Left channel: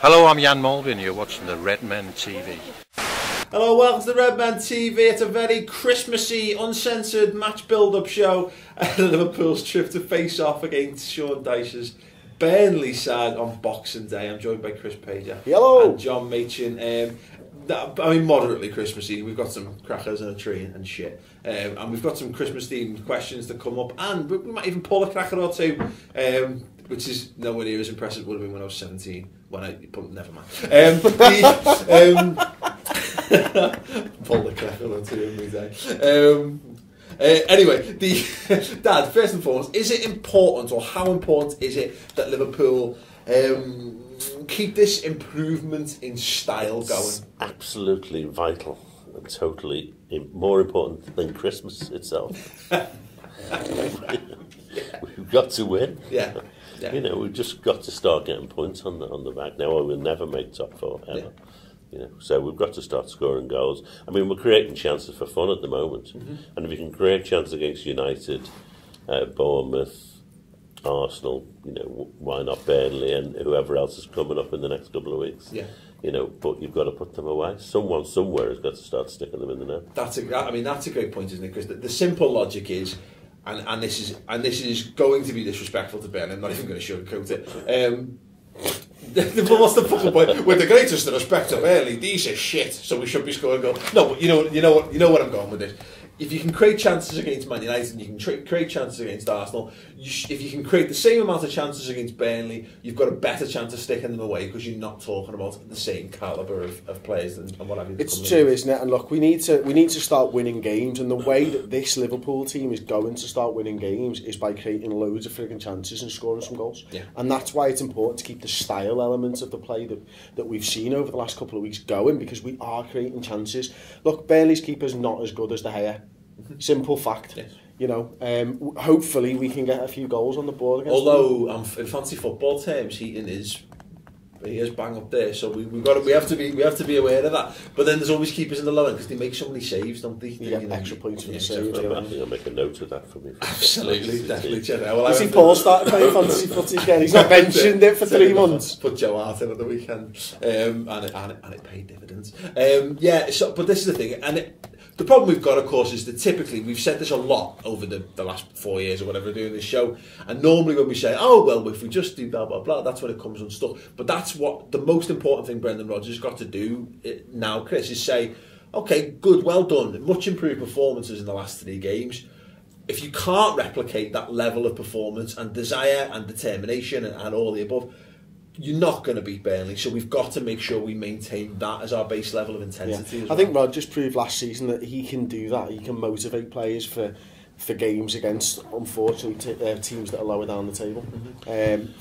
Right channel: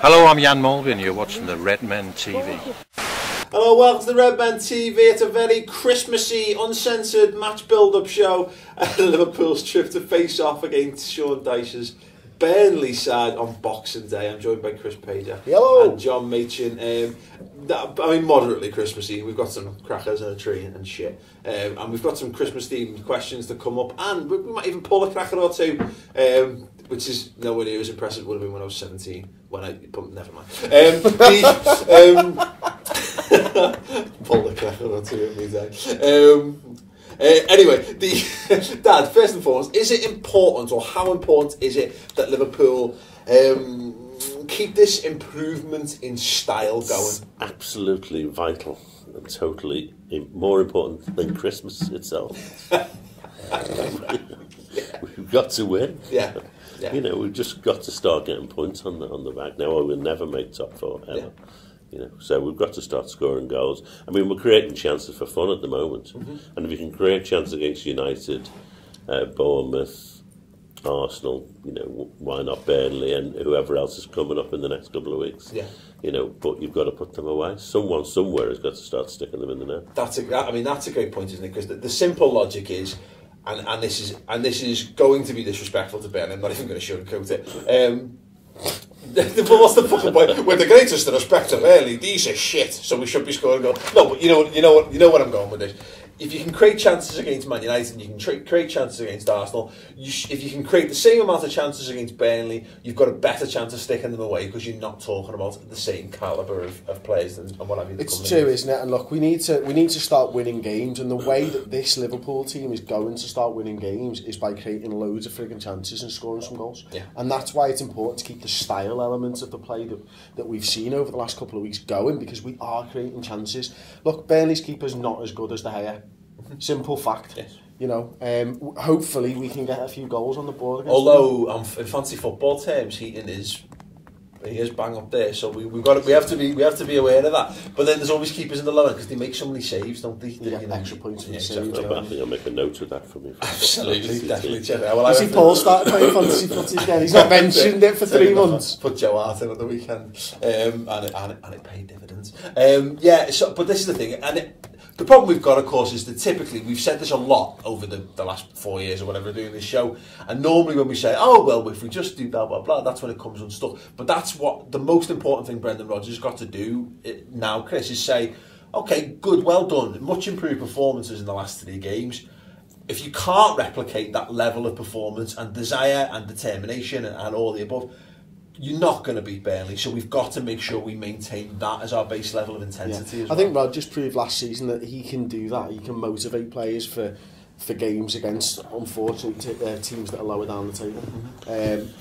Hello, I'm Jan Mulvey and you're watching the Redmen TV. Hello, welcome to the Redmen TV. It's a very Christmassy, uncensored match build-up show. Liverpool's trip to face off against Sean Dyche's Burnley side on Boxing Day. I'm joined by Chris Pager. Hello. And John Machin. I mean, moderately Christmassy. We've got some crackers and a tree and shit. And we've got some Christmas-themed questions to come up. And we might even pull a cracker or two, which is nowhere near as impressive as it would have been when I was 17. Never mind. Pull the cracker or two every day. Anyway, Dad, first and foremost, is it important, or how important is it that Liverpool keep this improvement in style going? It's absolutely vital and totally more important than Christmas itself. We've got to win. Yeah. You know, we've just got to start getting points on the back now, or we'll never make top four ever. Yeah. You know, so we've got to start scoring goals. I mean, we're creating chances for fun at the moment, and if you can create chances against United, Bournemouth, Arsenal, you know, why not Burnley and whoever else is coming up in the next couple of weeks? Yeah. You know, but you've got to put them away. Someone somewhere has got to start sticking them in the net. That's a great point, isn't it? Because the simple logic is, and this is going to be disrespectful to Burnley. I'm not even going to sugarcoat it. What's the fucking point? With the greatest respect to Burnley, these are shit, so we should be scoring goals. No, but you know what I'm going with this. If you can create chances against Man United and you can create chances against Arsenal, if you can create the same amount of chances against Burnley, you've got a better chance of sticking them away because you're not talking about the same calibre of players and what have you. It's true, isn't it? And look, we need to start winning games, and the way that this Liverpool team is going to start winning games is by creating loads of frigging chances and scoring some goals. Yeah. And that's why it's important to keep the style elements of the play that we've seen over the last couple of weeks going, because we are creating chances. Look, Burnley's keeper's not as good as De Gea. Simple fact. Yes. You know, hopefully we can get a few goals on the board against Although in fancy football terms, he is bang up there, so we have to be aware of that. But then there's always keepers in the lower end because they make so many saves, don't they? You get extra points for exactly. I think I'll make a note of that for me. Absolutely, definitely. You see Paul started playing fantasy footy again. He's not mentioned it for 3 months. Put Joe Hart in at the weekend, and it paid dividends. But this is the thing, and the problem we've got, of course, is that typically, we've said this a lot over the last 4 years or whatever doing this show, and normally when we say, oh, well, if we just do blah, blah, blah, that's when it comes unstuck. But that's what the most important thing Brendan Rodgers has got to do now, Chris, is say, okay, good, well done, much improved performances in the last 3 games. If you can't replicate that level of performance and desire and determination and all the above, you're not going to beat Burnley, so we've got to make sure we maintain that as our base level of intensity as well. I think Rodgers proved last season that he can do that. He can motivate players for games against, unfortunately, teams that are lower down the table.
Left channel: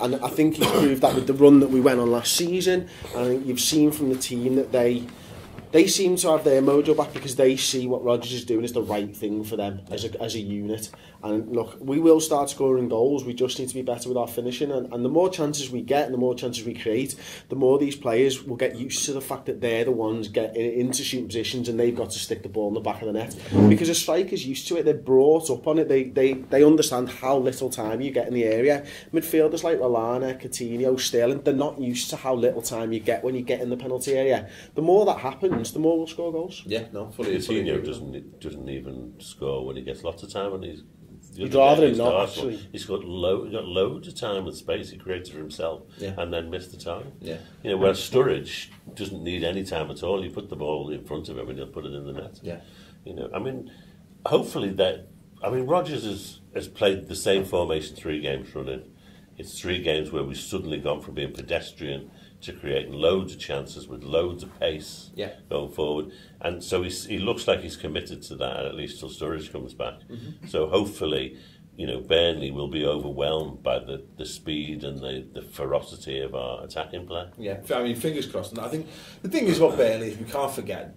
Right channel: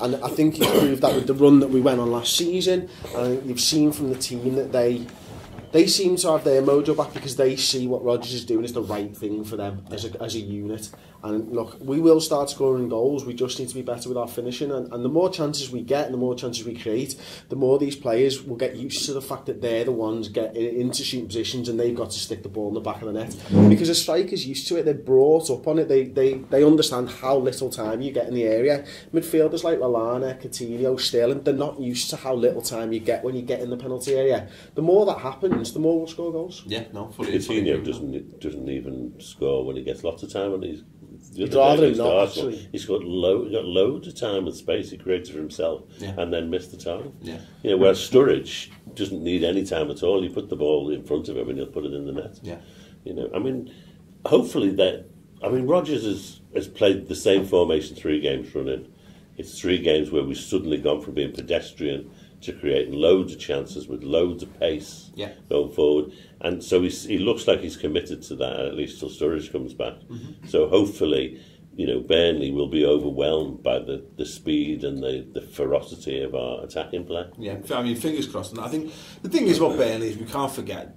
And I think he proved that with the run that we went on last season. And I think you've seen from the team that they seem to have their mojo back because they see what Rodgers is doing is the right thing for them as a unit. And look, we will start scoring goals. We just need to be better with our finishing. And the more chances we get and the more chances we create, the more these players will get used to the fact that they're the ones getting into shooting positions and they've got to stick the ball in the back of the net. Because a striker's used to it. They're brought up on it. They understand how little time you get in the area. Midfielders like Lallana, Coutinho, Sterling, they're not used to how little time you get when you get in the penalty area. The more that happens, the more we'll score goals. Yeah, no, Coutinho doesn't even score when he gets lots of time. You'd rather him not, actually. He's got loads of time and space he created for himself, and then missed the time. Yeah. You know, whereas Sturridge doesn't need any time at all. You put the ball in front of him and he'll put it in the net. Yeah. You know, I mean, hopefully Rodgers has played the same formation 3 games running. It's 3 games where we've suddenly gone from being pedestrian to creating loads of chances with loads of pace going forward. And so he looks like he's committed to that, at least till Sturridge comes back. So hopefully, you know, Burnley will be overwhelmed by the speed and the ferocity of our attacking play. Yeah, I mean, fingers crossed. And I think the thing is about Burnley is we can't forget,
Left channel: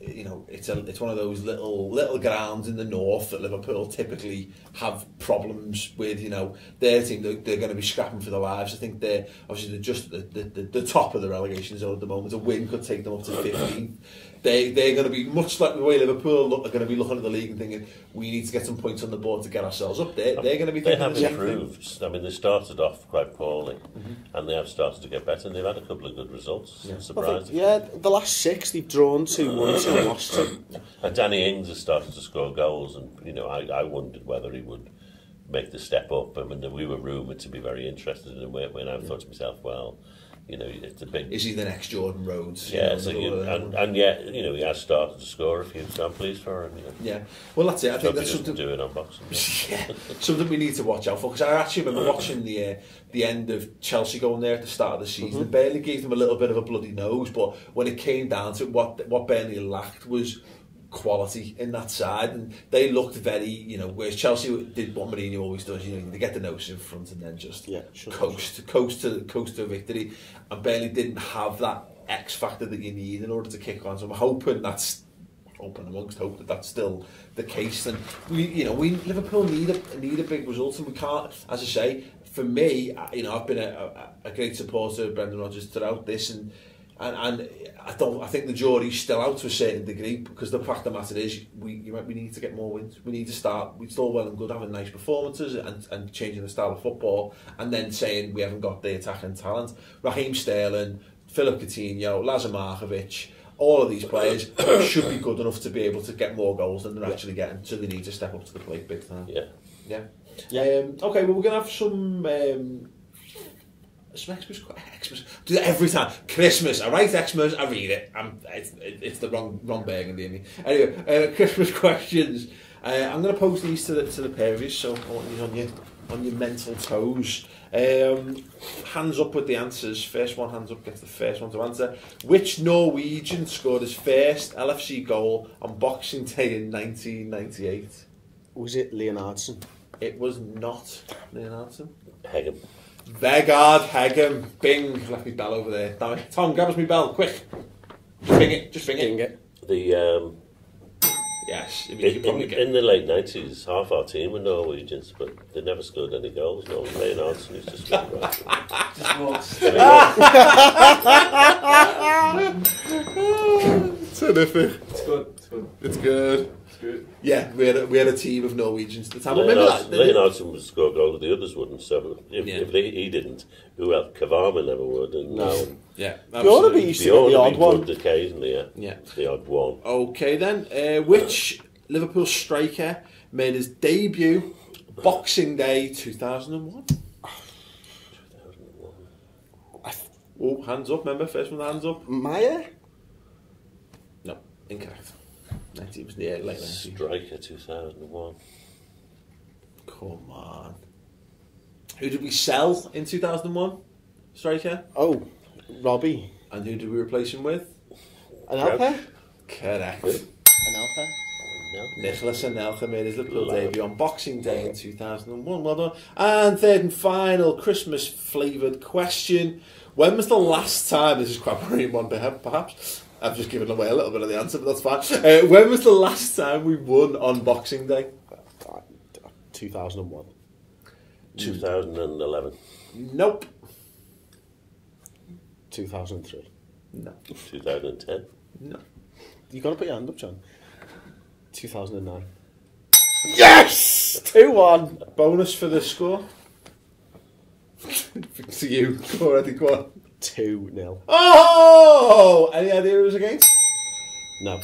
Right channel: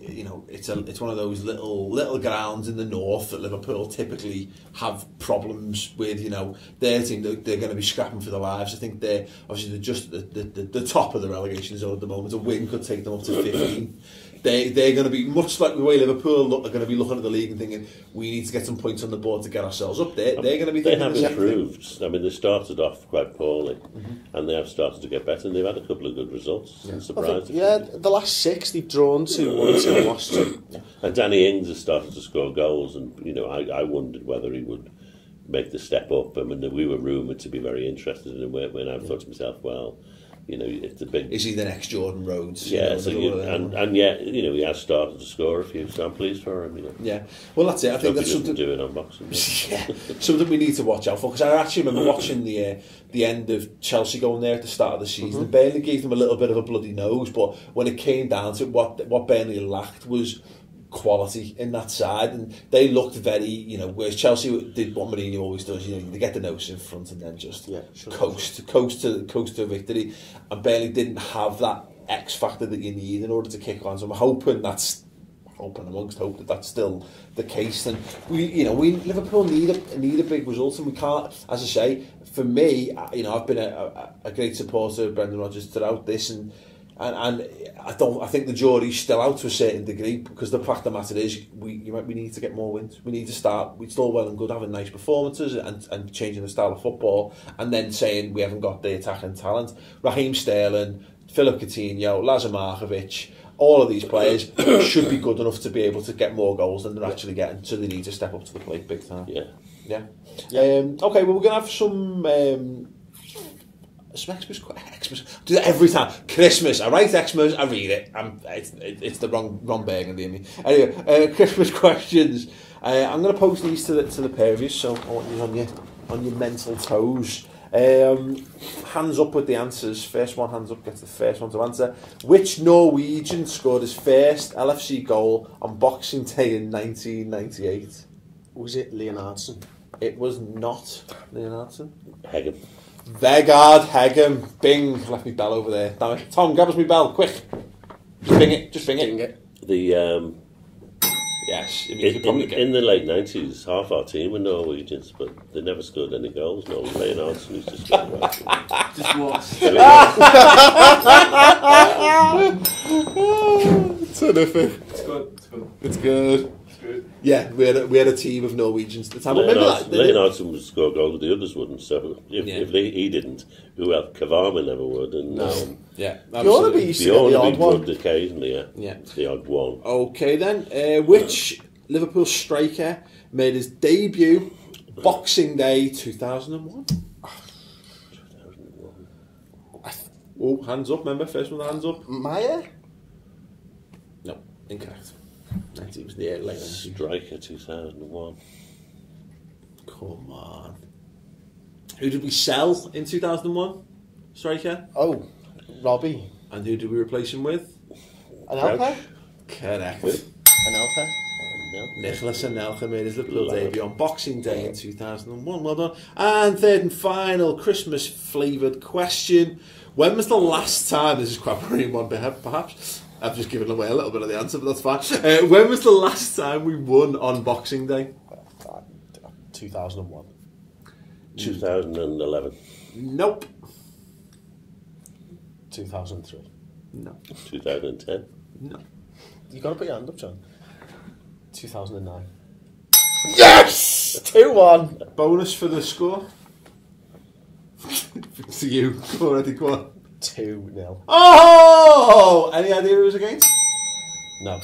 you know, it's one of those little grounds in the north that Liverpool typically have problems with. You know, their team, they're going to be scrapping for their lives. I think they're just the top of the relegation zone at the moment. A win could take them up to 15. they're going to be much like the way Liverpool are going to be looking at the league and thinking we need to get some points on the board to get ourselves up there. They're going to be thinking they have improved. I mean, they started off quite poorly, and they have started to get better, and they've had a couple of good results. The last 6 they've drawn 2, 1, 2, and lost 2. And Danny Ings has started to score goals, and I wondered whether he would make the step up. I mean, we were rumoured to be very interested in him when I thought to myself, well, it's a big... Is he the next Jordan Rhodes? Yeah, and yet, he has started to score a few, so I'm pleased for him. Yeah, well, that's it. I think that's something... do it on Boxing Day. Yeah, something we need to watch out for, because I actually remember watching the end of Chelsea going there at the start of the season. And Burnley gave them a little bit of a bloody nose, but when it came down to it, what Burnley lacked was quality in that side, and they looked very, whereas Chelsea did what Mourinho always does, they get the nose in front and then just coast to victory, and Burnley didn't have that X factor that you need in order to kick on. So I'm hoping that that's still the case, and we Liverpool need a big result, and we can't, as I say, for me, I've been a great supporter of Brendan Rodgers throughout this, and I think the jury's still out to a certain degree, because the fact of the matter is we need to get more wins. We need to start. It's all well and good having nice performances and changing the style of football, and then saying we haven't got the attacking talent. Raheem Sterling, Philip Coutinho, Lazar Markovic, all of these players should be good enough to be able to get more goals than they're actually getting, so they need to step up to the plate big time. Yeah. Okay, well, we're going to have some... Xmas, do that every time. Christmas, I write Xmas, I read it. It's the wrong burgundy in me. Anyway, Christmas questions. I'm going to post these to the pair of you, so I want you on your mental toes. Hands up with the answers. First one, hands up, gets the first one to answer. Which Norwegian scored his first LFC goal on Boxing Day in 1998? Was it Leonardson? It was not Leonardson. Hegem. Vegard Hegem. Bing. Left me bell over there. Damn it. Tom, grab us me bell, quick. Just bing it. Bing it. The yes. In the late 90s, half our team were Norwegians, but they never scored any goals. No, Leonardson used to score right. Just once. Terrific. It's good. Yeah, we had a team of Norwegians at the time. Leonardson would score goals, the others wouldn't. So if he didn't, who else? Kavama never would. And yeah, absolutely. Bjorneby would occasionally. Yeah, the odd one. Okay then, which Liverpool striker made his debut Boxing Day 2001? 2001. Oh, hands up! Remember, first one, hands up. Maya? No, incorrect. It was the late 90s. Striker 2001. Come on. Who did we sell in 2001? Striker? Oh, Robbie. And who did we replace him with? Anelka? Correct. Anelka? Nicholas Anelka made his Liverpool debut on Boxing Day in 2001. Well done. And third and final Christmas flavoured question. When was the last time, this is quite a marine one perhaps, I've just given away a little bit of the answer, but that's fine. When was the last time we won on Boxing Day? 2001. 2011. Nope. 2003. No. 2010. No. You got to put your hand up, John. 2009. Yes! 2-1. Bonus for the score. To you. Already, go on. 2-0. Oh! Any idea who it was against? No.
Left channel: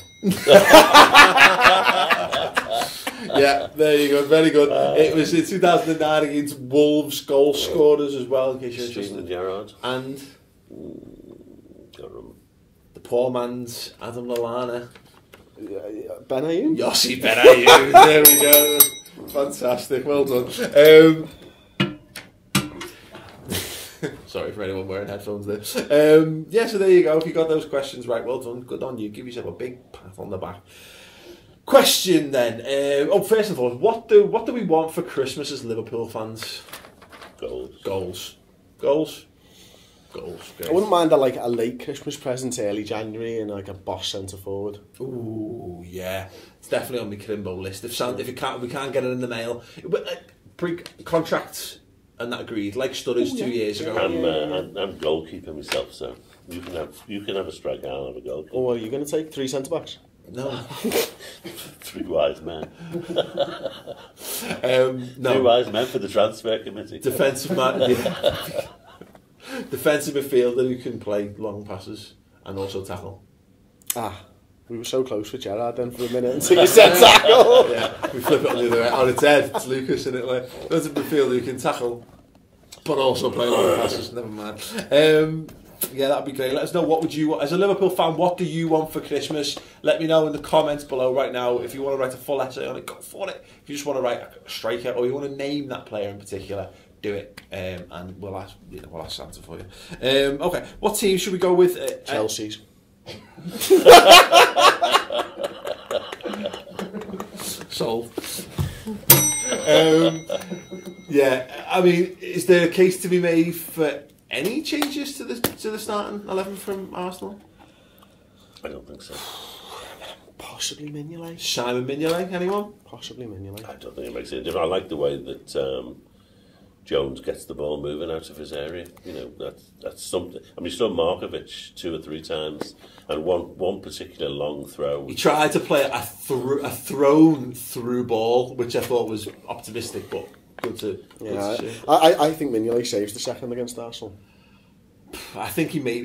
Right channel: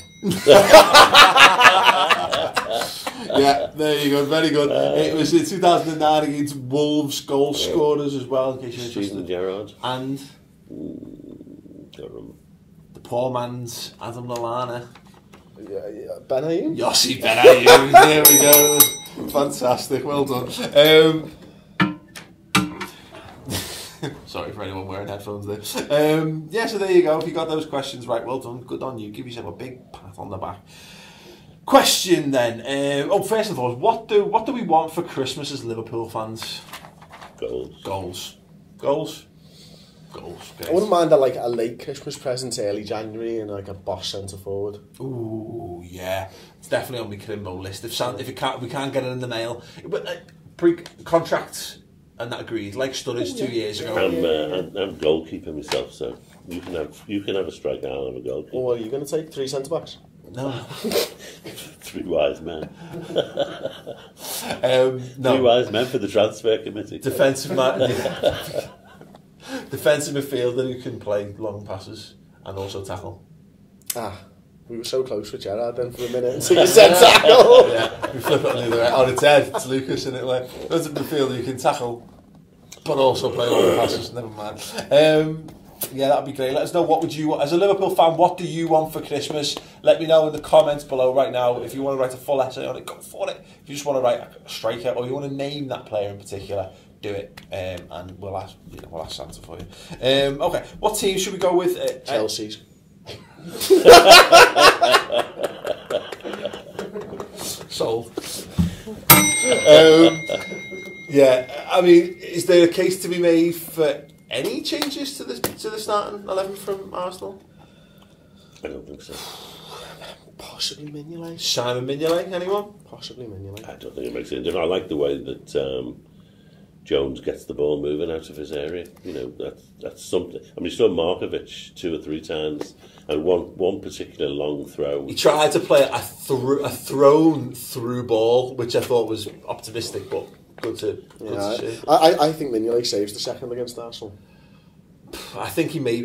Yeah, there you go. Very good. It was in 2009 against Wolves goal scorers as well. In case you're Steven Gerrard. And the poor man's Adam Lallana. Benayoun? Yossi Benayoun. There we go. Fantastic. Well done. Sorry for anyone wearing headphones there. Yeah, so there you go. If you got those questions right, well done. Good on you. Give yourself a big pat on the back. Question then. First and foremost, what do we want for Christmas as Liverpool fans? Goals. Great. I wouldn't mind a late Christmas present, early January, and a boss centre forward. Ooh, yeah. It's definitely on my Crimbo list. If we can't get it in the mail, but contracts and that agreed, like Sturridge 2 years ago. I'm goalkeeper myself, so you can have a striker, I'll have a goalkeeper. Or what are you going to take? 3 centre backs? No. 3 wise men. No. 3 wise men for the transfer committee. Defensive midfielder who can play long passes and also tackle. We were so close with Gerrard then for a minute until you said tackle. Yeah, we flip it on the other way. On its head, it's Lucas, isn't it? Like, there's a midfielder who can tackle, but also play long passes. Never mind. Yeah, that'd be great. Let us know, what would you want as a Liverpool fan? What do you want for Christmas? Let me know in the comments below right now. If you want to write a full essay on it, go for it. If you just want to write a striker or you want to name that player in particular, do it, and we'll ask Santa for you. Okay, what team should we go with? Chelsea's. Sold. Yeah, I mean, is there a case to be made for any changes to the starting 11 from Arsenal? I don't think so. Possibly Mignolet. Simon Mignolet, anyone? Possibly Mignolet. I don't think it makes any difference. I like the way that Jones gets the ball moving out of his area. You know, that's something. I mean, you saw Markovic 2 or 3 times, and one particular long throw. He tried to play a thrown through ball, which I thought was optimistic, but good to see. I think Mignolet saves the second against Arsenal. I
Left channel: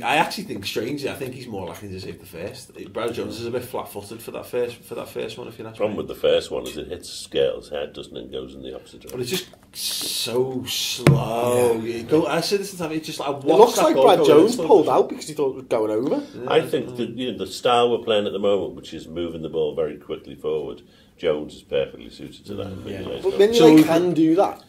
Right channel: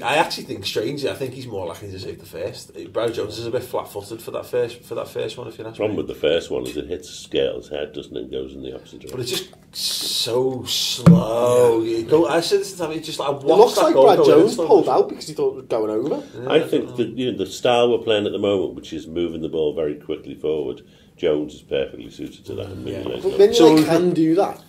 actually think strangely, I think he's more likely to save the first. Brad Jones is a bit flat-footed for that first one. If you know. The problem with the first one is it hits Scale's head, doesn't it? And goes in the opposite direction. But it's just so slow. Yeah. I said this time. It looks like Brad Jones pulled out because he thought it was going over. Yeah, I think that the style we're playing at the moment, which is moving the ball very quickly forward, Jones is perfectly suited to that. But Mignolet can do that.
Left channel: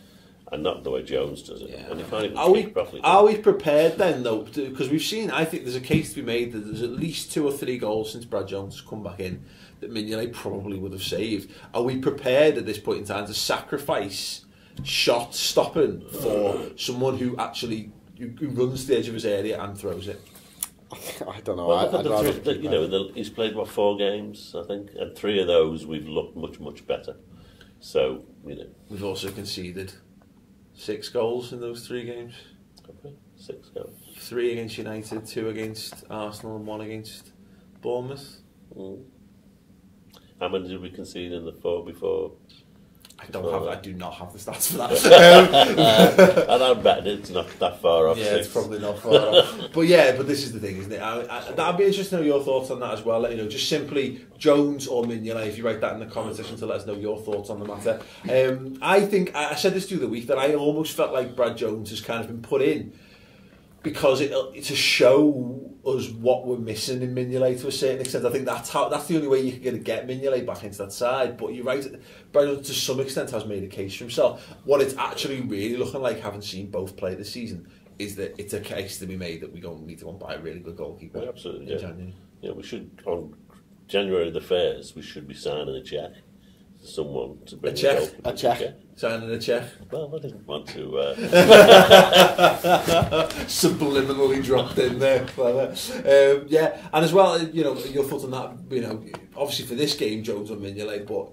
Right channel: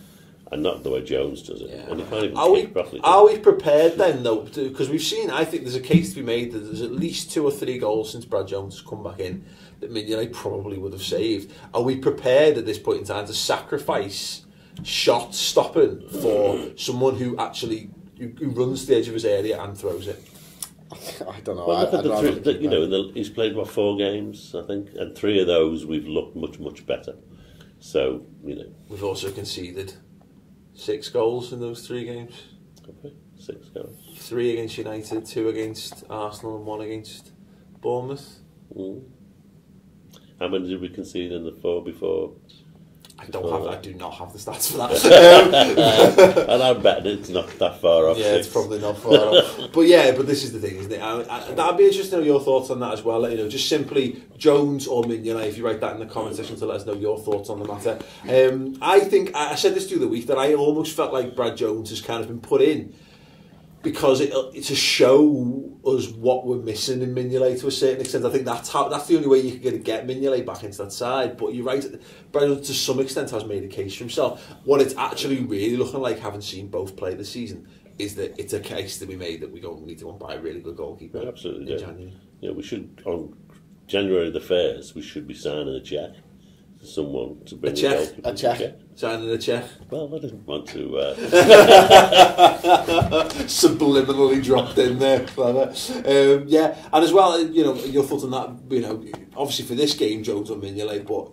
And not the way Jones does it. Yeah. And he can't even kick properly. Are we prepared then, though? Because we've seen, I think there's a case to be made that there's at least 2 or 3 goals since Brad Jones has come back in that Mignolet probably would have saved. Are we prepared at this point in time to sacrifice shot stopping for someone who actually who runs to the edge of his area and throws it? I don't know. Well, he's played 4 games, I think, and 3 of those we've looked much better. So we've also conceded 6 goals in those 3 games. Okay. 6 goals. 3 against United, 2 against Arsenal, and 1 against Bournemouth. How many did we concede in the 4 before? I do not have the stats for that. And I bet it's not that far off. Yeah, 6. It's probably not far off. But this is the thing, isn't it? That'd be interesting to know your thoughts on that as well. Just simply Jones or Mignolet. If you write that in the comment section to let us know your thoughts on the matter. I think I said this through the week that I almost felt like Brad Jones has kind of been put in because it's to show us what we're missing in Mignolet to a certain extent. I think that's the only way you can get Mignolet back into that side. But you're right, Brad to some extent has made a case for himself. What it's actually really looking like, having seen both play this season, is that it's a case to be made that we need to go and buy a really good goalkeeper. Absolutely, in January. Yeah, we should on January the 1st. We should be signing a cheque to someone to bring a cheque. Signing a cheque. Well, I didn't want to. Subliminally dropped in there, clever. And as well, your thoughts on that. Obviously for this game, Jones or Mignolet, but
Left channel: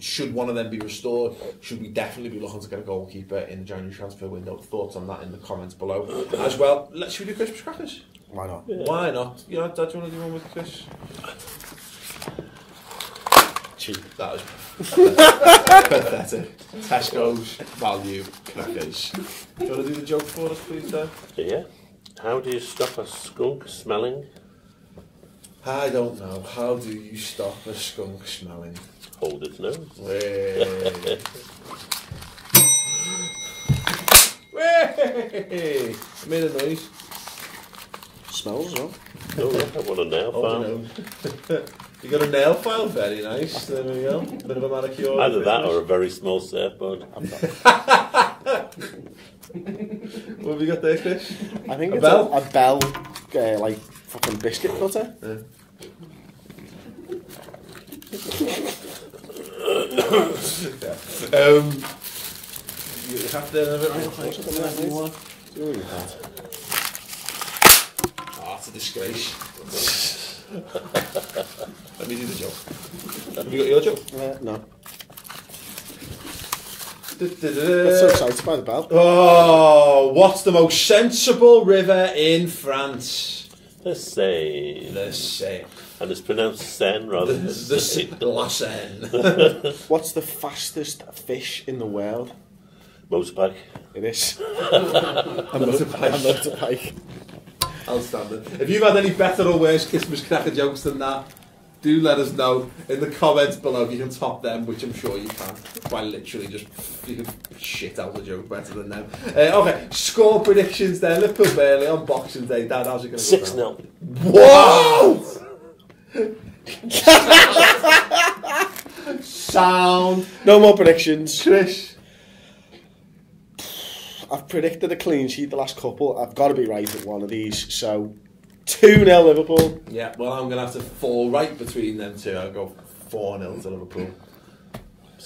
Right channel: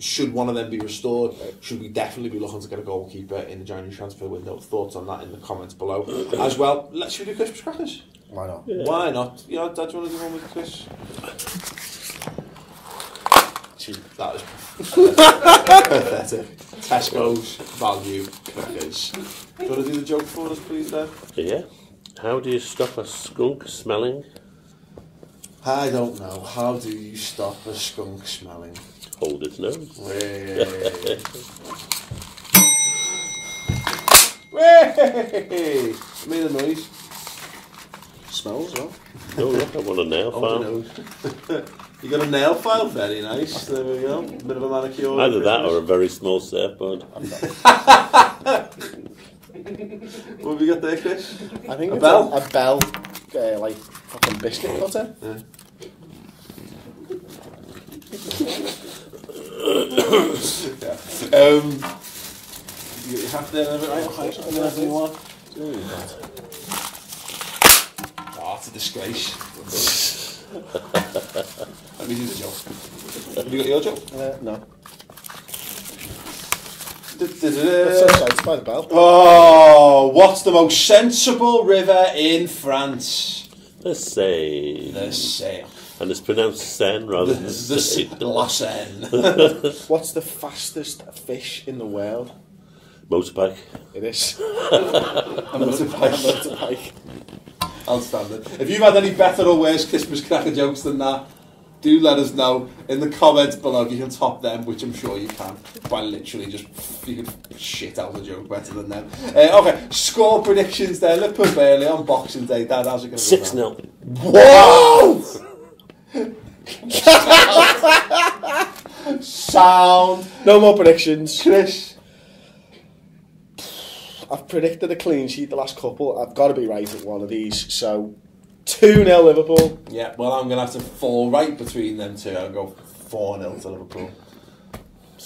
should one of them be restored? Should we definitely be looking to get a goalkeeper in the January transfer window? Thoughts on that in the comments below. As well, should we do Christmas crackers? Why not? Yeah. Why not? Dad, do you want to do one with Chris? That was pathetic. Tesco's value crackers. Do you want to do the joke for us, please, Dan? Yeah. How do you stop a skunk smelling? I don't know. How do you stop a skunk smelling? Hold its nose. Way! Made a noise. Smells as well. Oh, look, I want a nail file. You got a nail file? Very nice. There we go. Bit of a manicure. Either that or a very small surfboard. What have you got there, Chris? I think a bell? A bell, like fucking biscuit cutter. Yeah. You get your hat there and everything, right? Anything you want? Oh, it's a disgrace. Let me do the joke. Have you got your joke? No. So excited by the bell. Oh, what's the most sensible river in France? The Seine. The Seine. And it's pronounced Seine rather than La Seine. What's the fastest fish in the world? Motorbike. It is. A motorbike. Outstanding. If you've had any better or worse Christmas cracker jokes than that, do let us know in the comments below. If you can top them, which I'm sure you can, by literally just you can shit out the joke better than them. Okay, score predictions there. Liverpool Burnley on Boxing Day. Dad, how's it going to go? 6-0. Whoa! Sound. No more predictions. Chris. I've predicted a clean sheet the last couple. I've got to be right at one of these. So 2-0 Liverpool. Yeah, well, I'm going to have to fall right between them two. I'll go 4-0 to Liverpool.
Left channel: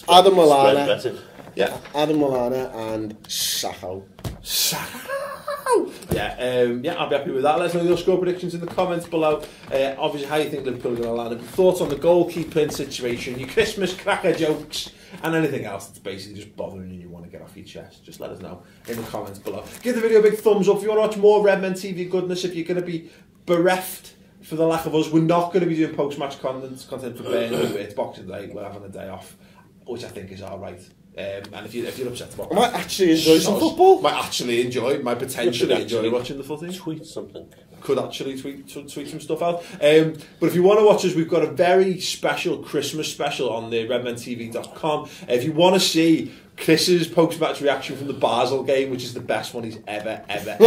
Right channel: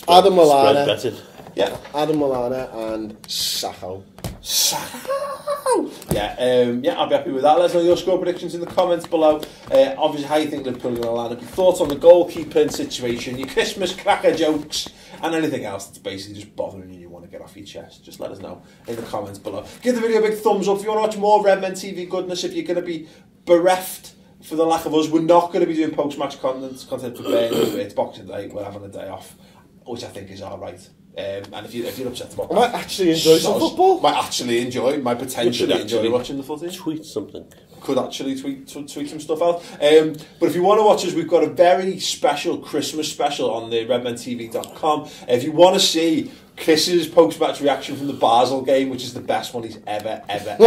Adam Lallana. Yeah. Adam Lallana and Sakho. Yeah, I'll be happy with that. Let us know your score predictions in the comments below. Obviously, how you think Liverpool are going to land. Your thoughts on the goalkeeper situation, your Christmas cracker jokes, and anything else that's basically just bothering you and you want to get off your chest. Just let us know in the comments below. Give the video a big thumbs up if you want to watch more Redmen TV goodness. If you're going to be bereft for the lack of us, we're not going to be doing post-match content for Burnley. It's Boxing Day, we're having a day off, which I think is alright. And if you're upset about that, I might actually enjoy some football. Might potentially enjoy watching the footy. Tweet something. Could actually tweet some stuff out. But if you want to watch us, we've got a very special Christmas special on the redmentv.com. If you want to see Chris's post-match reaction from the Basel game, which is the best one he's ever done.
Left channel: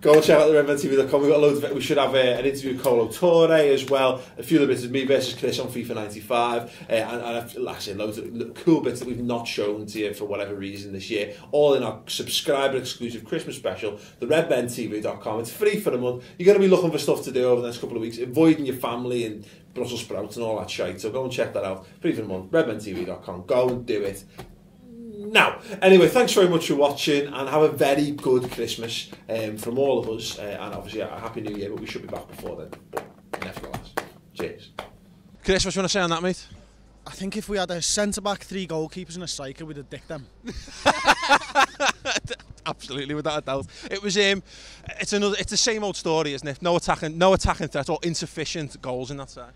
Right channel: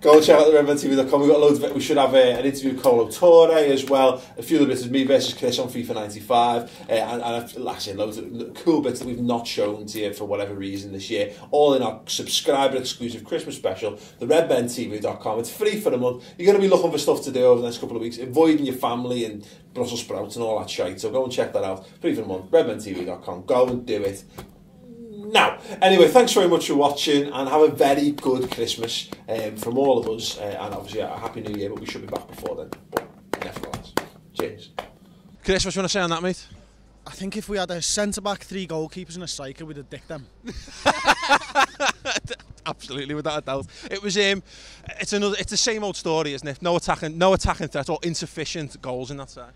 Go and check out the redmentv.com. We've got loads of it. We should have an interview with Colo Torre as well. A few of the bits of me versus Chris on FIFA 95. And like I said, loads of cool bits that we've not shown to you for whatever reason this year. All in our subscriber exclusive Christmas special, the redmentv.com. It's free for a month. You're going to be looking for stuff to do over the next couple of weeks, avoiding your family and Brussels sprouts and all that shite. So go and check that out. Free for a month, redmentv.com. Go and do it. Now, anyway, thanks very much for watching and have a very good Christmas from all of us and obviously a Happy New Year, but we should be back before then. But nevertheless, cheers. Chris, what do you want to say on that, mate? I think if we had a centre-back, 3 goalkeepers and a striker, we'd have dicked them. Absolutely, without a doubt. It was it's the same old story, isn't it? No attacking threat or insufficient goals in that side.